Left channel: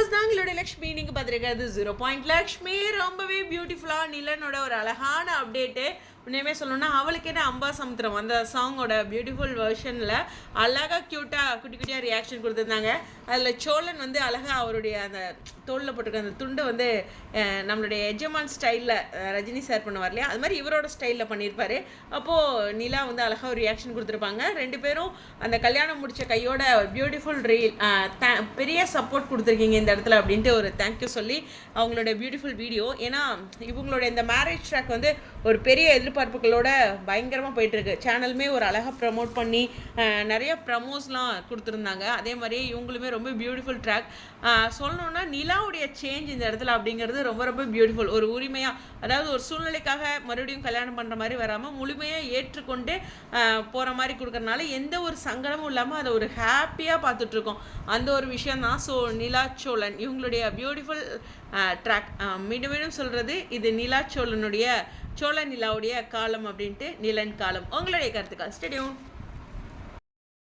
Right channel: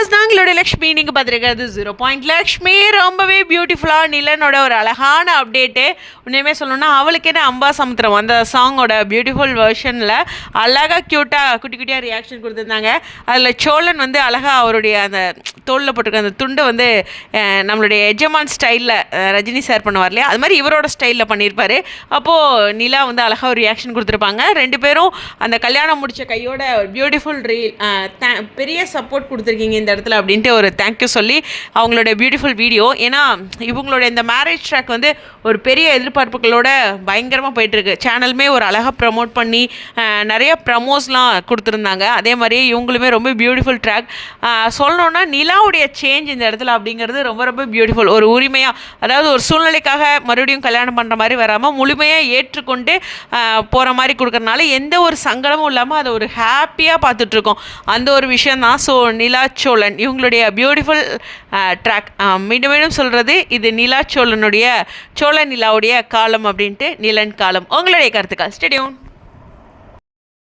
Viewers, நாங்களோட Lakshmi நீங்கள் பார்த்துருக்கிறது 0 லக்ஷ்மி ரொம்பவே பியூட்டிஃபுல்லாக நிலனோட ஒரு அழகான அப்டேட்டு. உண்மையுமே சொல்லணும்னா அவளுக்கேன அம்பா சமுத்திரம் அந்த சாங்கோட பியூட்டிஃபுல் வெர்ஷனில் அழகாக க்யூட்டாக குட்டி குட்டியாக ரியாக்ஷன் கொடுத்துருந்தாங்க. அதில் சோழன் வந்து அழகாக அவருடைய அந்த தோளில் போட்டிருக்க அந்த துண்டை வந்து நம்மளுடைய எஜமான் ஸ்டைலில் ரஜினி சார் பண்ணுவார் இல்லையா, அது மாதிரி இவரோட ஸ்டைலில் பண்ணியிருப்பார். அப்போது நிலா வந்து அழகாக ஒரு ரியாக்ஷன் கொடுத்துருப்பாங்க. ரெண்டு பேரும் அந்த கல்யாணம் முடித்த கையோட பியூட்டிஃபுல் ரீல் பெரிய சப்போர்ட் கொடுத்துருக்கீங்க இந்த இடத்துல அப்படின்ட்டு ஒரு தேங்க்யூ சொல்லி அவங்களோட பியூட்டிஃபுல் வீடியோ. ஏன்னா இவங்களோட இந்த மேரேஜ் ட்ராக் வந்து ஒரு பெரிய எதிர்பார்ப்புகளோட பயங்கரமாக போயிட்டுருக்கு. சேனலுமே ஒரு அழகாக ப்ரமோட் பண்ணி நிறைய ப்ரமோஸ்லாம் கொடுத்துருந்தாங்க. அதே மாதிரியே இவங்களுமே ரொம்ப பியூட்டிஃபுல் ட்ராக். சொல்லணுன்னா நிலாவுடைய சேஞ்ச் இந்த இடத்துல அப்படிங்கிறது ரொம்ப ரொம்ப பியூட்டிஃபுல். ஒரு உரிமையாக, அதாவது ஒரு சூழ்நிலைக்காக மறுபடியும் கல்யாணம் பண்ணுற மாதிரி வராமல் முழுமையாக ஏற்றுக்கொண்டு போகிற மாதிரி கொடுக்குறனால எந்த ஒரு சங்கடமும் இல்லாமல் அதை ஒரு ஹாப்பியாக பார்த்துட்ருக்கோம். அந்த ஒரு விஷயம் தான். ஸோ நிலா சோழன் இவங்களுடைய பியூட்டிஃபுல் ட்ராக். மீண்டும் மீண்டும் சொல்கிறது, இது நிலா சோழனுடைய சோழ நிலாவுடைய காலம் அப்படின்ட்டு, நிலன் காலம். உங்களுடைய கருத்துக்கள் ஸ்டேடியம்.